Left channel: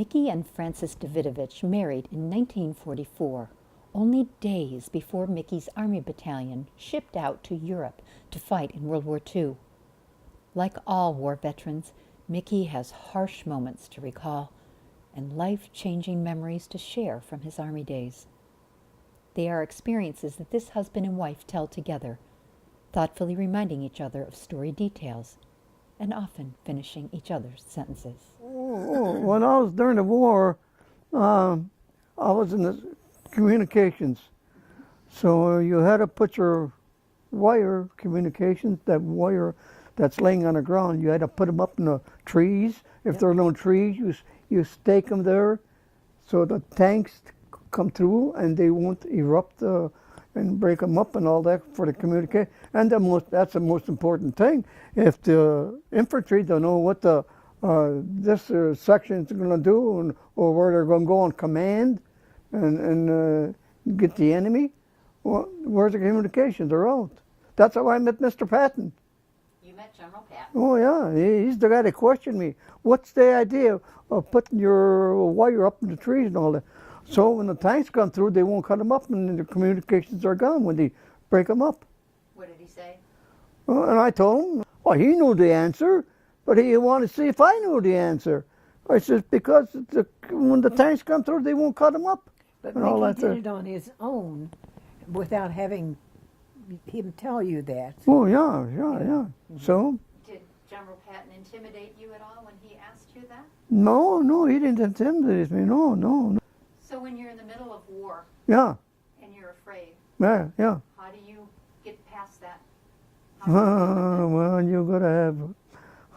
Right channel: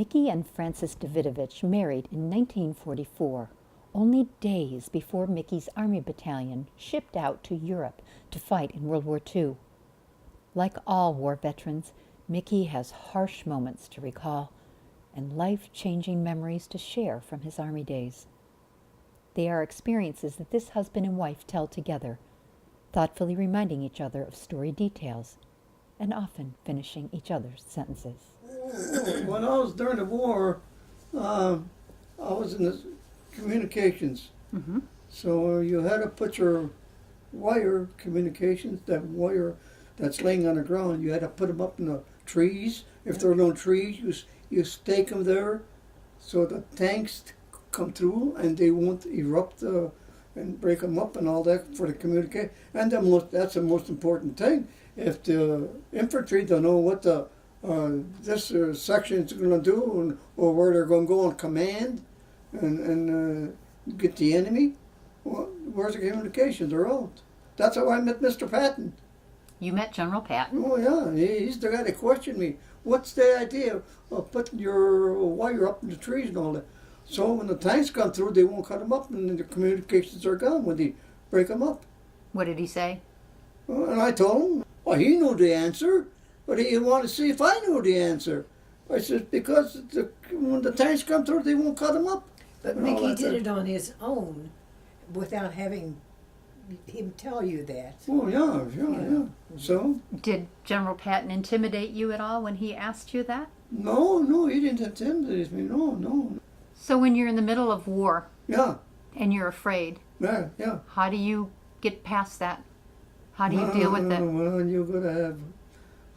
Mickey and Francis Davidovich married in 1944, only days before Mickey's Army battalion shipped out to Europe to fight in World War II. Like all war veterans, Mickey has harsh moments to recall and life-changing memories to share from his Army days. They are experiences that this husband and wife tell together, thoughtfully reminding each other of story details and often finishing each other's sentences. When I was during the war, I was in the communications. Mm-hmm. So you had to put your wire communications, that wire that's laying on the ground, you had to put them up in the trees. If there are no trees, you stake them there so the tanks come through and they won't erupt and break them up and all that for the communication. And that's the most important thing. If the infantry don't know what this section is going to do or where they're going to go on command and get the enemy, well, where's the communication? They're out. That's how I met Mr. Patton. You met General Patton? Oh, yeah. He's the guy that questioned me. What's the idea of putting your wire up in the trees and all that? So when the tanks come through, they won't cut them up and the communications are gone when they break them up. What did he say? And I told him, well, he knew the answer, but he wanted to see if I knew the answer. I said, because when the tanks come through, they won't cut them up. But Mickey did it on his own without having him tell you that. Oh, yeah. So? Did General Patton intimidate you at all when he asked you that? No, he didn't intimidate me. No. So when you're in the middle of war, yeah, and you're afraid, yeah, how do you get past that? How do you deal with it? Well, you got to have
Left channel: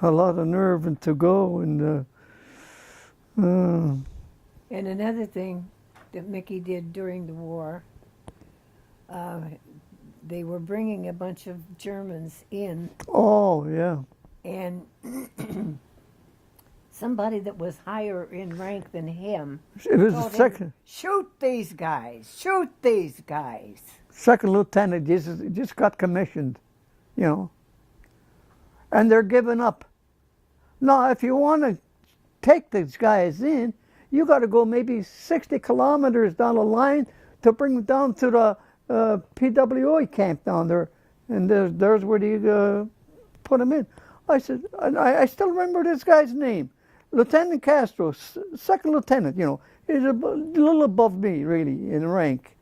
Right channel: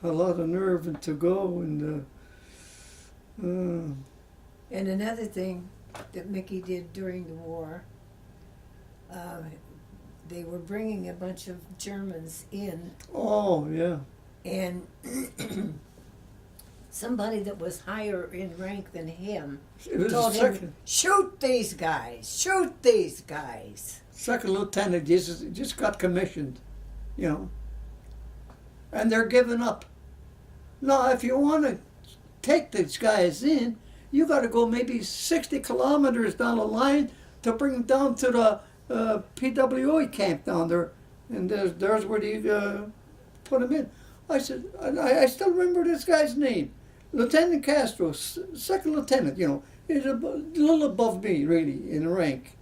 a lot of nerve and to go and. And another thing that Mickey did during the war, they were bringing a bunch of Germans in. Oh, yeah. And somebody that was higher in rank than him told him, shoot these guys, shoot these guys. Second lieutenant just got commissioned, and they're giving up. Now, if you want to take these guys in, you got to go maybe 60 kilometers down the line to bring them down to the PWI camp down there, and there's where they put them in. I said, I still remember this guy's name, Lieutenant Castro, second lieutenant. He's a little above me really in rank,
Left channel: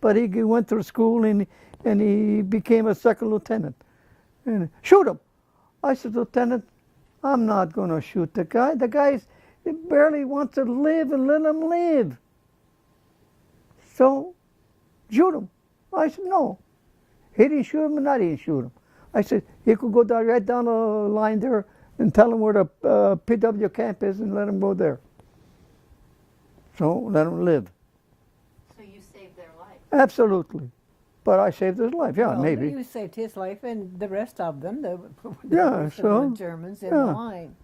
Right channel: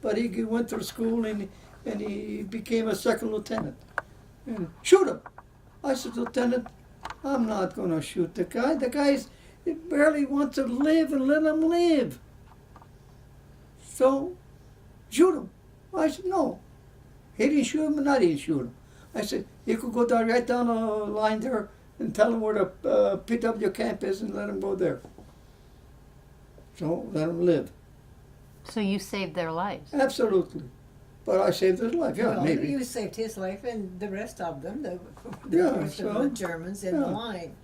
but he went to school and he became a second lieutenant. And shoot him! I said, Lieutenant, I'm not going to shoot the guy. The guy's he barely wants to live and let him live. So, shoot him. I said, no. He didn't shoot him and I didn't shoot him. I said, he could go right down the line there and tell him where the PW camp is and let him go there. So, let him live. So you saved their lives? Absolutely. But I saved his life, yeah, well, maybe. You saved his life and the rest of them, the Germans in the line.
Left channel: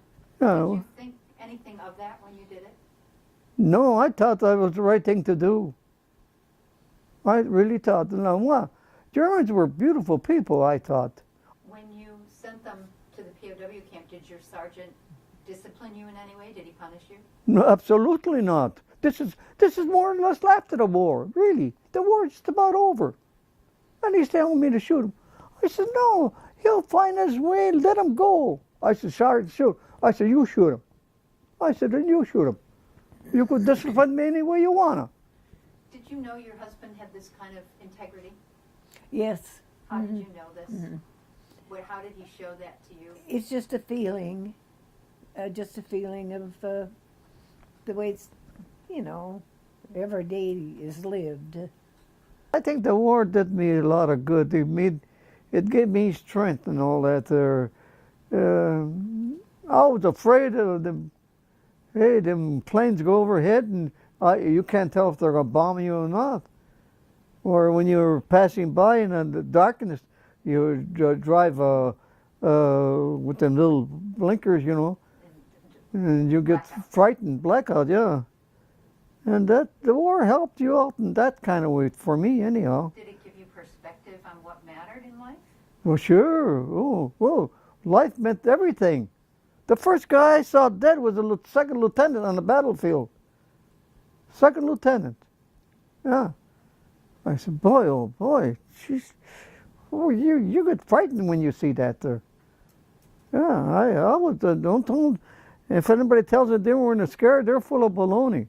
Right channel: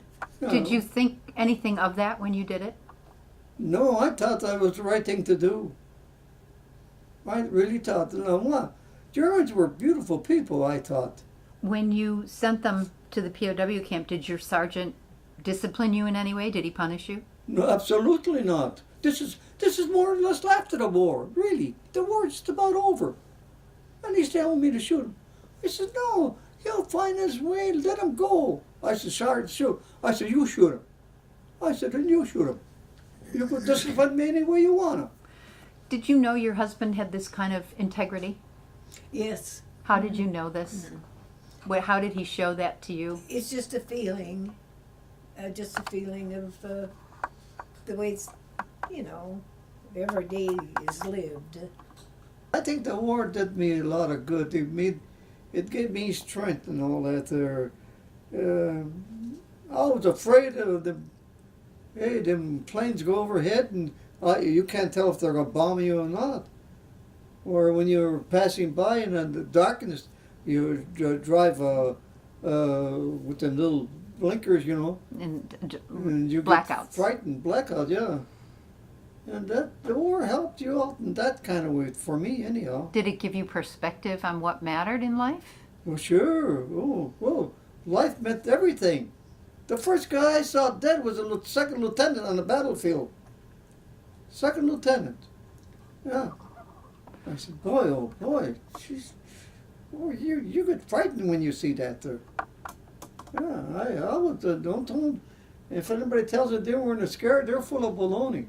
Yeah. Did you think anything of that when you did it? No, I thought that was the right thing to do. I really thought, Germans were beautiful people, I thought. When you sent them to the POW camp, did your sergeant discipline you in any way? Did he punish you? No, absolutely not. This is more or less after the war, really. The war's just about over. And he's telling me to shoot him. I said, no, he'll find his way, let him go. I said, Sergeant, shoot. I said, you shoot him. I said, then you shoot him. You could discipline me any way you want to. Did you know your husband had this kind of integrity? Yes. How did you know this? How did he show that to you? It's just a feeling. Of the way it's, every day is lived. I think the war did me a lot of good. It gave me strength and all that there. I was afraid of them planes go overhead and you can't tell if they're going to bomb you or not. Or when you're passing by and in the darkness, you drive with them little blinkers, and you blackouts. Get frightened. Blackout, yeah. And the war helped you out in that kind of way, for me anyhow. Did it give you perspective on what mattered in life? Well, sure. Oh, life meant everything. The first guy I saw dead was a second lieutenant on the battlefield. Second lieutenant. Yeah. I said, boy, oh boy, jeez. Oh, you get frightened when you see that there. Yeah, I would, don't, if anybody tells you they weren't scared, they're full of baloney.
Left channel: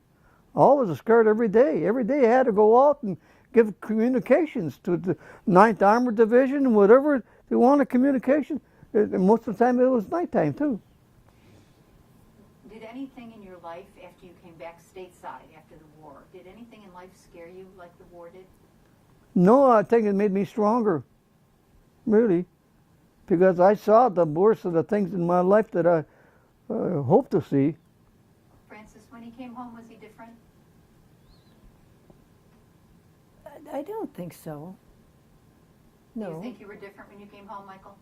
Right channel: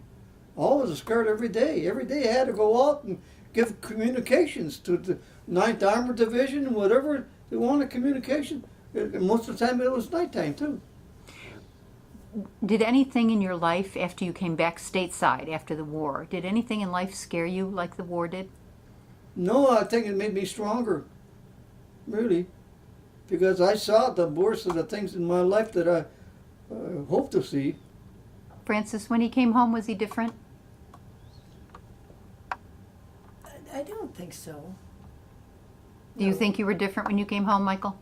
Always scared every day. Every day I had to go out and give communications to the 9th Armored Division and whatever they wanted communication. And most of the time it was nighttime too. Did anything in your life after you came back stateside after the war, did anything in life scare you like the war did? No, I think it made me stronger, really, because I saw the worst of the things in my life that I hope to see. Francis, when he came home, was he different? I don't think so. Do you think you were different when you came home, Michael?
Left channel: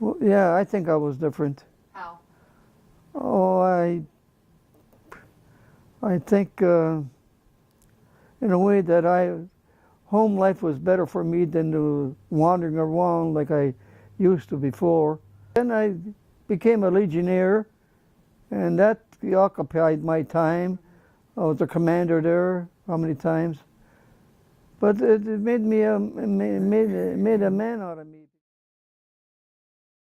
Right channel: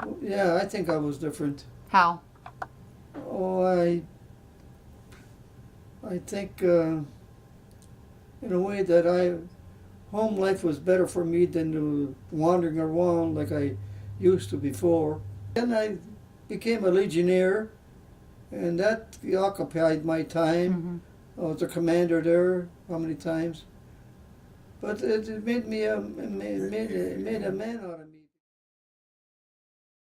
Well, yeah, I think I was different. How? Oh, I think in a way that home life was better for me than to wandering around like I used to before. Then I became a legionnaire, and that occupied my time. I was a commander there, how many times? But it made me made a man out of me.